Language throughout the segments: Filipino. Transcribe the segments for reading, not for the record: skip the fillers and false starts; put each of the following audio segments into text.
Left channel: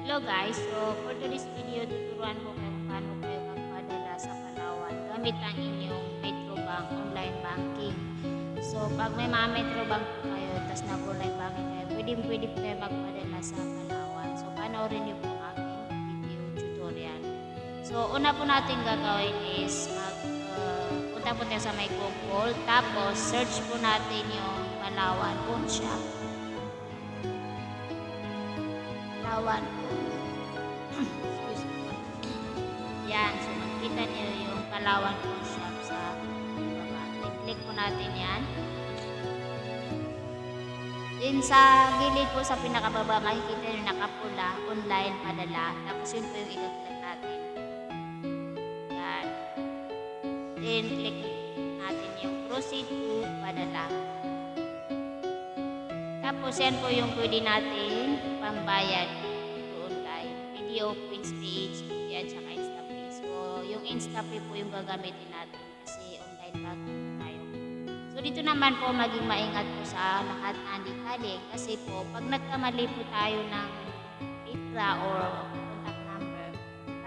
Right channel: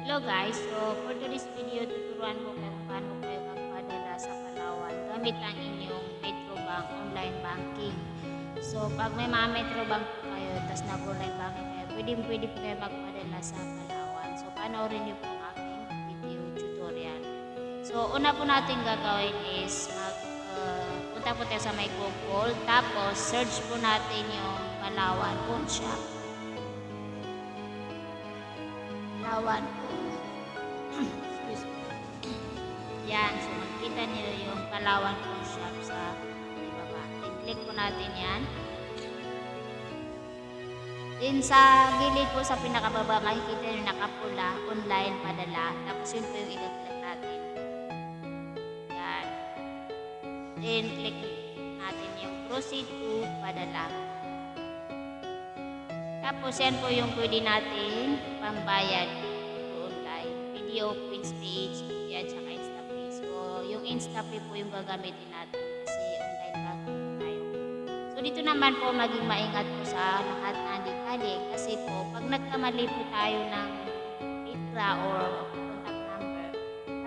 Hello guys, so for today's video, tuturuan ko kayo kung paano kayo magpadala sa Palawan gamit ang inyong Metrobank online banking. So pag may mga Metrobank po kayo, tapos nag-online banking kayo, pwede po kayo magpadala sa Palawan. So panoorin niyo po ang aking video tutorial. So una po natin gagawin is punta po tayo sa may Google, tapos search po natin yung Palawan Pawn Shop. Palawan. Excuse me. Yan. So, makita niyo yung Palawan Pawn Shop sa ibaba. Then, click po natin yan. Then, sa gilid po sa pinakababa, makikita niyo nakapula, online, padala. Tapos, yun po yung i-click natin. Yan. Then, click natin yung proceed to padala. Tapos, yan po yung pwede natin pambayad to online. Video, Prince Page, at saka InstaPay. So, yung InstaPay po yung gagamitin natin kasi online banking na tayo. So, dito naman po maging maingat po sa lahat ng detalye kasi po, pag nagkamali po tayo ng litra or contact number,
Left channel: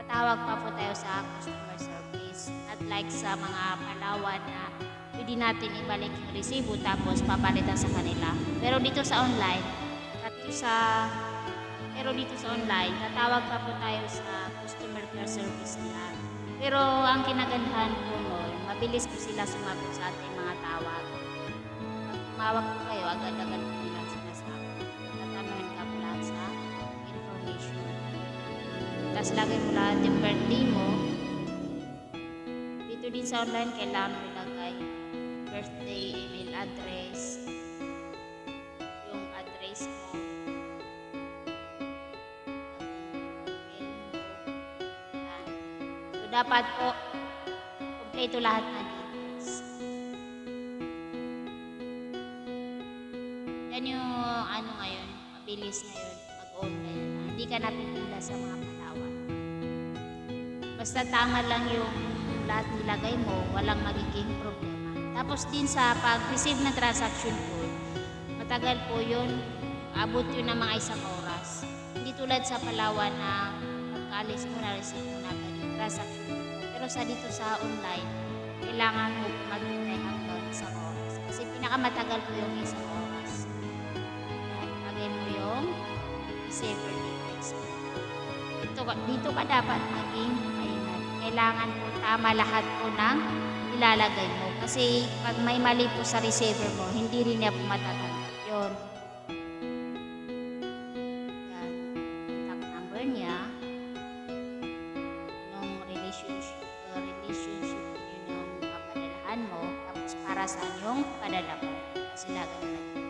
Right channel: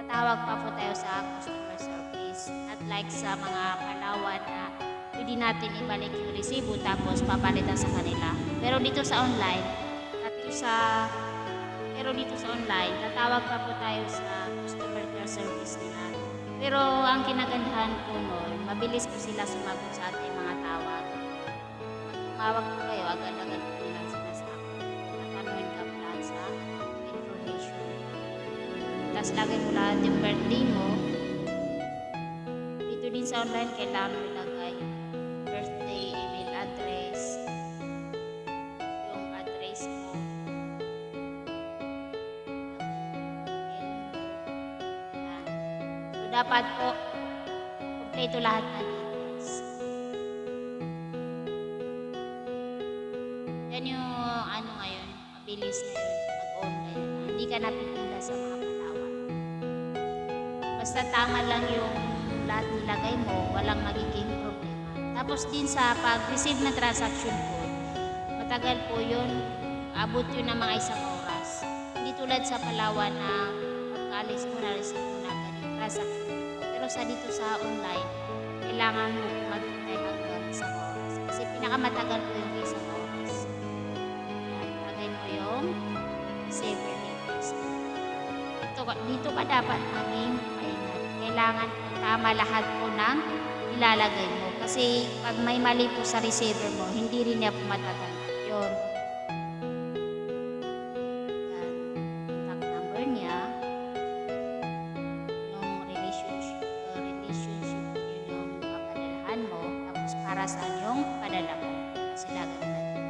tatawag pa po tayo sa customer service. Not like sa mga Palawan na pwede natin ibalik yung resibo tapos papalitan sa kanila. Pero dito sa online, tatawag pa po tayo sa customer care service nila. Pero ang kinagandahan po noon, mabilis po sila sumagot sa ating mga tawag. Pag tumawag po kayo, agad-agad po nilang sinasagot. So, tatanungin ka po lahat sa information. Tapos lagay mo lahat yung birthday mo. Dito din sa online, kailangan mo ilagay birthday, email address, yung address mo, email mo. Yan. So, dapat po, kompleto lahat ng details. Yan yung ngayon, mabilis ngayon, mag-online na lang. Hindi ka napipila sa mga Palawan. Basta tama lang yung lahat nilagay mo, walang magiging problema. Tapos din sa pag-receive ng transaction code, matagal po yun, abot yun ng mga 1 oras. Hindi tulad sa Palawan na pagkaalis mo na receive mo na agad yung transaction code mo. Pero sa dito sa online, kailangan mo mag-try hanggang 1 oras. Kasi pinakamatagal po yung 1 oras. Yan, lagay mo yung receiver details mo. Dito ka dapat maging maingat. Kailangan po tama lahat po ng ilalagay mo. Kasi pag may mali po sa receiver mo, hindi rin niya po matatanggap yun. Yan. Contact number niya. Anong relationship niyo nung papadalahan mo. Tapos para saan yung padala mo. Kasi lagay mo natin.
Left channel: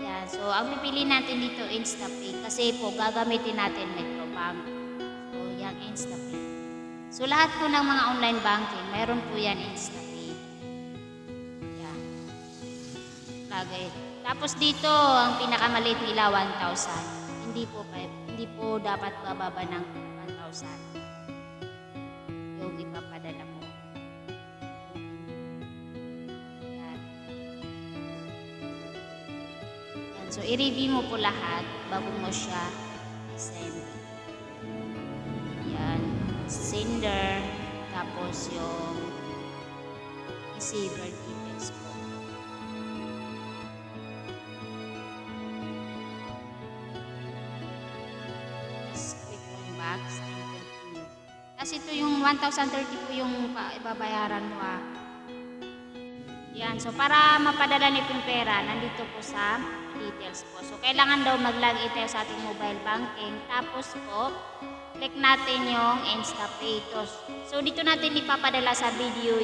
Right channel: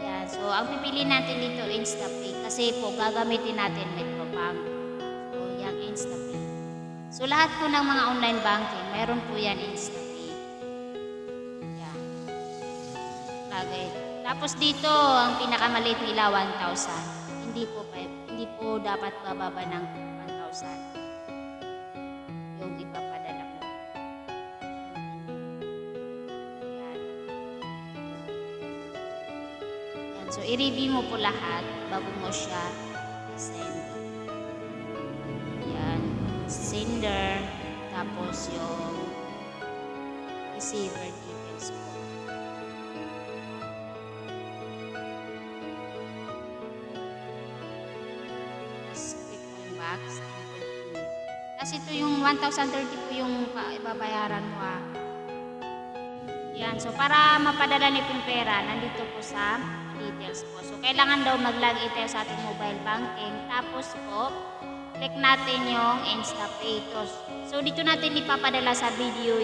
Yan. So, ang pipili natin dito, InstaPay. Kasi po, gagamitin natin Metrobank. So, yung InstaPay. So, lahat po ng mga online banking, mayroon po yan InstaPay. Yan. Lagay. Tapos dito, ang pinakamaliit nila, 1,000. Hindi po dapat bababa ng 1,000. Yung ipapadala mo. Yan. Yan. So, i-review mo po lahat bago mo siya i-send. Yan. Sender, tapos yung receiver details po. Tapos click mo yung box and continue. Tapos ito yung 1,030 po yung ibabayaran mo ha. Yan, so para mapadala niyo yung pera, nandito po sa details po. So kailangan daw mag-login tayo sa ating mobile banking. Tapos po, click natin yung InstaPay. So, dito natin ipapadala sa Video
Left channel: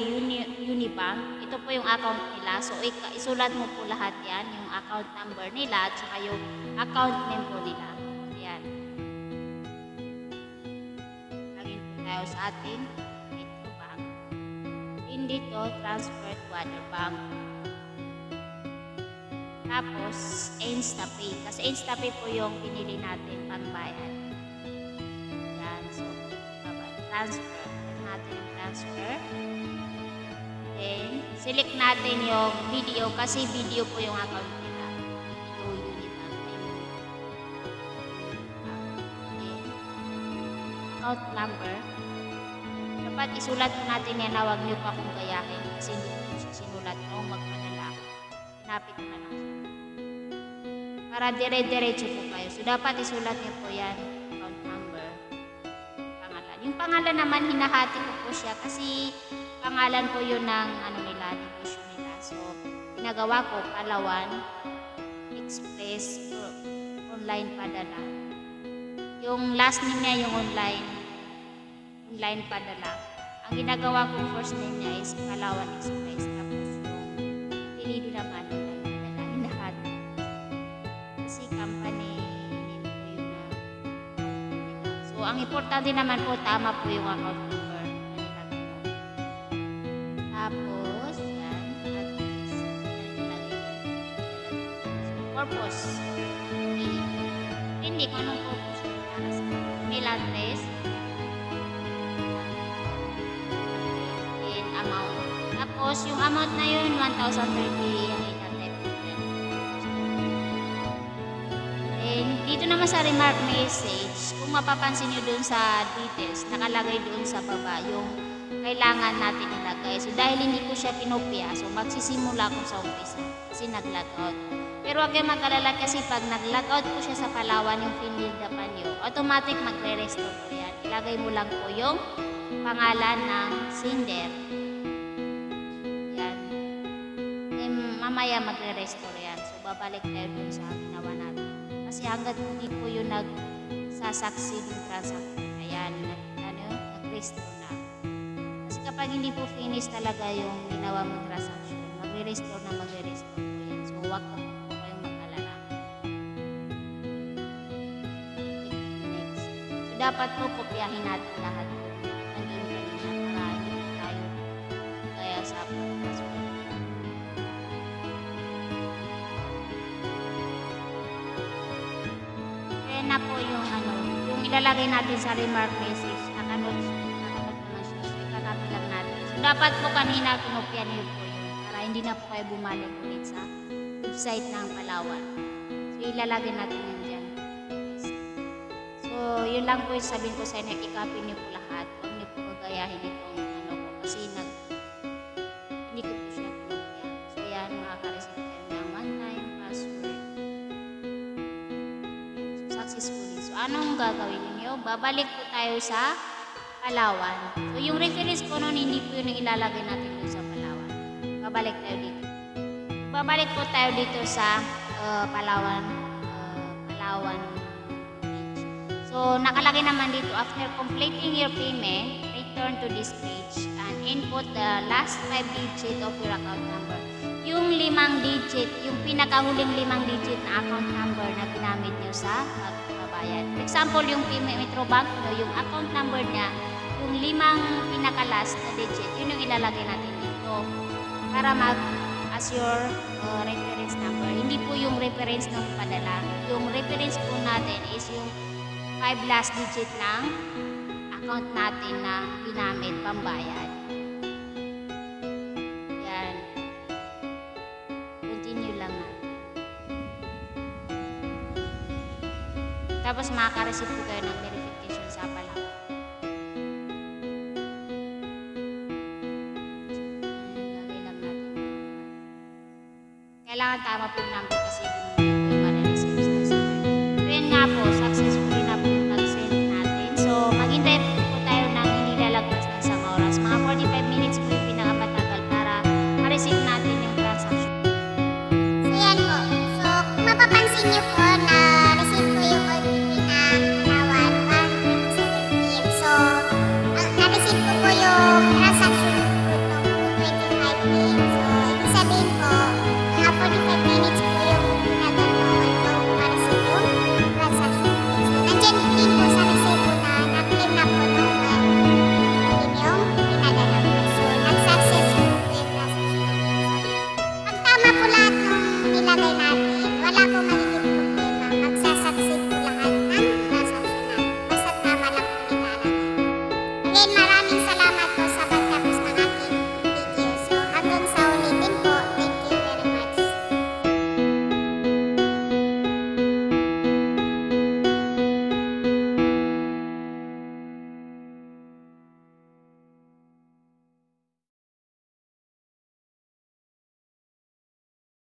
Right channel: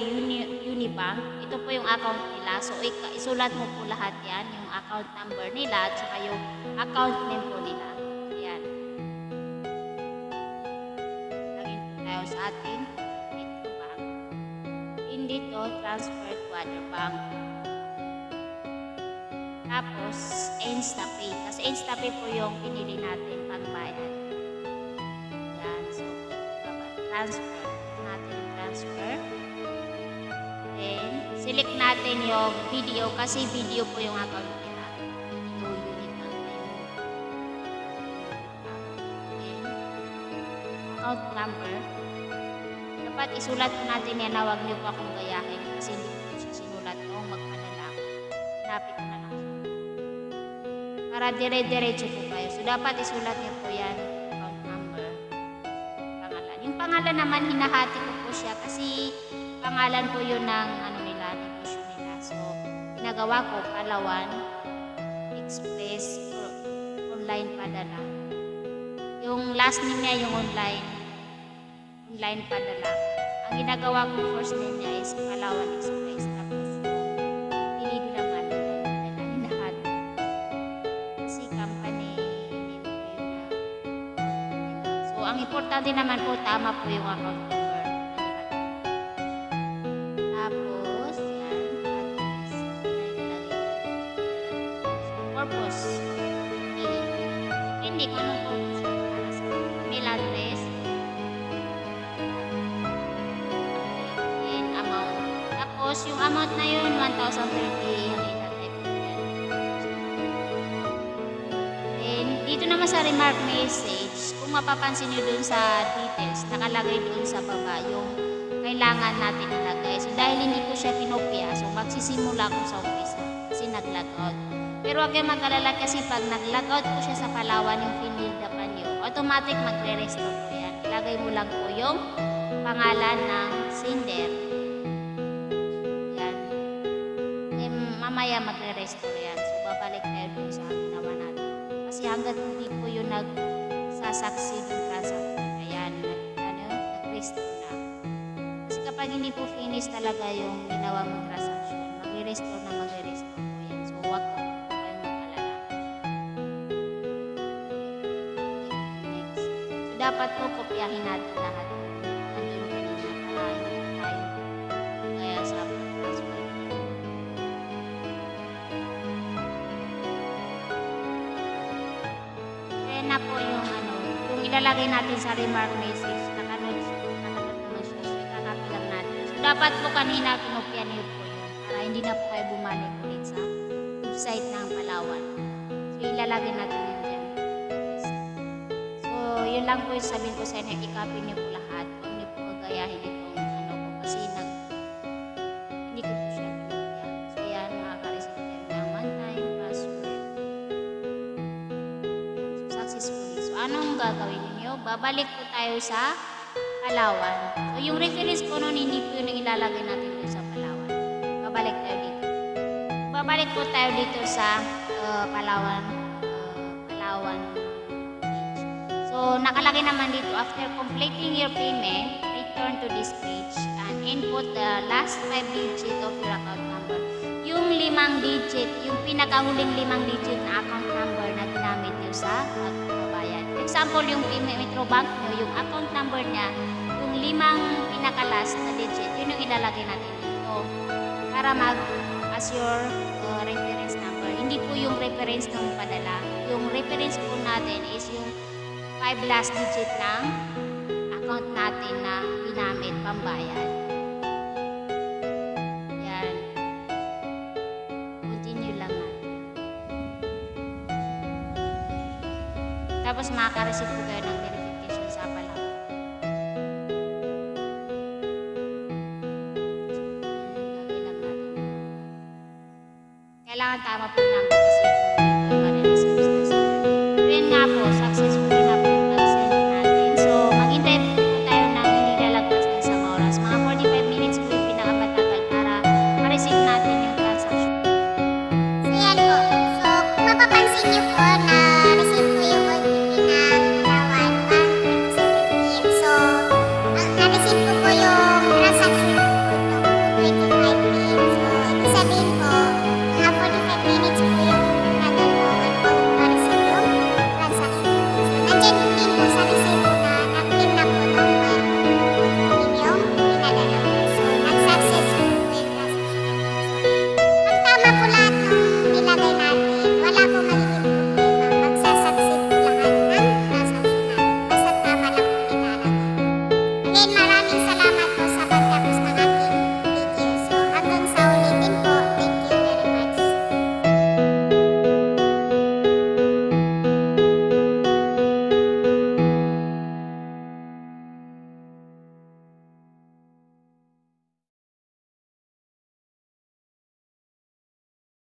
Unibank. Ito po yung account nila. So, isulat mo po lahat yan. Yung account number nila at saka yung account name po nila. Ayan. Lagin po tayo sa ating Metrobank. In dito, transfer to other bank. Tapos, InstaPay. Kasi InstaPay po yung pinili natin pangbayad. So, transfer. Click natin yung transfer. Then, select natin yung video kasi video po yung account nila. Video Unibank. Ayun. Unibank. account number, dapat isulat po natin yan na huwag niyo pa akong gayahin kasi hindi ko po siya sinulat noong magpadala ako. Hinapit ko na lang siya. Para dire-diretso po kayo. So, dapat isulat niyo po yan, account number, pangalan. Yung pangalan naman, hinahati ko po siya kasi pangalan po yun ng negosyo nila. So, ginagawa ko, Palawan, Express, online padala. Yung last name niya, yung online padala. Ang ginagawa kong first name niya is Palawan Express. Tapos yung pinili naman online padala, hinahati. Kasi company name po yun na account nila. So, ang importante naman po, tama po yung account number na nilagay mo. Tapos, yan, address. Nilagay yan. So, purpose. Okay. Depende kung anong purpose para sa email address. And amount. Tapos, yung amount na yun, 1,030 yung itatype ko yan. Then, dito naman sa remark message, kung mapapansin nyo dun sa details, nakalagay dun sa baba yung kailangan natin ilagay. So, dahil hindi ko siya kinopya, so magsisimula ko sa umpisa kasi nag-logout. Pero huwag kayong mag-alala kasi pag nag-logout po siya sa Palawan, yung pinildapan nyo, automatic magre-restore po yan. Ilagay mo lang po yung pangalan ng sender. Yan. Eh, mamaya magre-restore yan. So, babalik tayo dun sa ginawa natin. Kasi hanggat hindi po yung nag-succeed yung transaction, ayan, nag-restore na. Kasi kapag hindi po finish talaga yung ginawa mong transaction, magre-restore po yan. So, huwag po kayong mag-alala. Next. So, dapat po kopyahin natin lahat po nandun kanina para hindi po tayo kaya sa transfer. Kaya na po yung ilalagay natin sa remark message, nakanot naman siya. So, ikakopy lang natin. So, dapat po kanina kinopya niyo po yun para hindi na po kayo bumalik ulit sa website ng Palawan. So, ilalagay natin yun dyan. Yes. So, yun lang po yung sabihin ko sa inyo, i-copy niyo po lahat. Huwag niyo po gagayahin itong ko kasi hindi ko po siya kinopya. So, yan, makaka-receive kayo ng one-time password. Successfully. So, anong gagawin niyo? Babalik po tayo sa Palawan. So, yung reference po nun, hindi po yun ang ilalagay natin doon sa Palawan. Babalik tayo dito. Babalik po tayo dito sa Palawan page. So, nakalagay naman dito, after completing your payment, return to this page and input the last 5 digit of your account number. Yung 5 digit, yung pinakahuling 5 digit na account number na ginamit nyo sa pagbabayad. For example, yung Metrobank nyo, yung account number niya, yung 5 pinaka-last na digit, yun yung ilalagay natin dito para as your reference number. Hindi po yung reference ng padala. Yung reference po natin is yung 5 last digit ng account natin na ginamit pambayad. Yan. Continue lang natin. Tapos makaka-receive po kayo ng verification sa Palawan. Lagay lang natin yung number. Kailangan tama po yung number kasi yung po yung ma-receive sa sender. So yun nga po, successfully na po yung nag-send natin. So maghintay po tayo ng hindi lalagpas ng isang oras. Mga 45 minutes po yung pinakamatagal para ma-receive natin yung transaction. Ayan po. So, kung mapapansin niyo po na receive ko yung OTP ng Palawan 127 So, na-receive ko po yung transaction po ng 2:25 PM. So, ibig sabihin po, mga 45 minutes po yung natanong at bago ko ma-receive yung transaction po. So, nandyan din po sa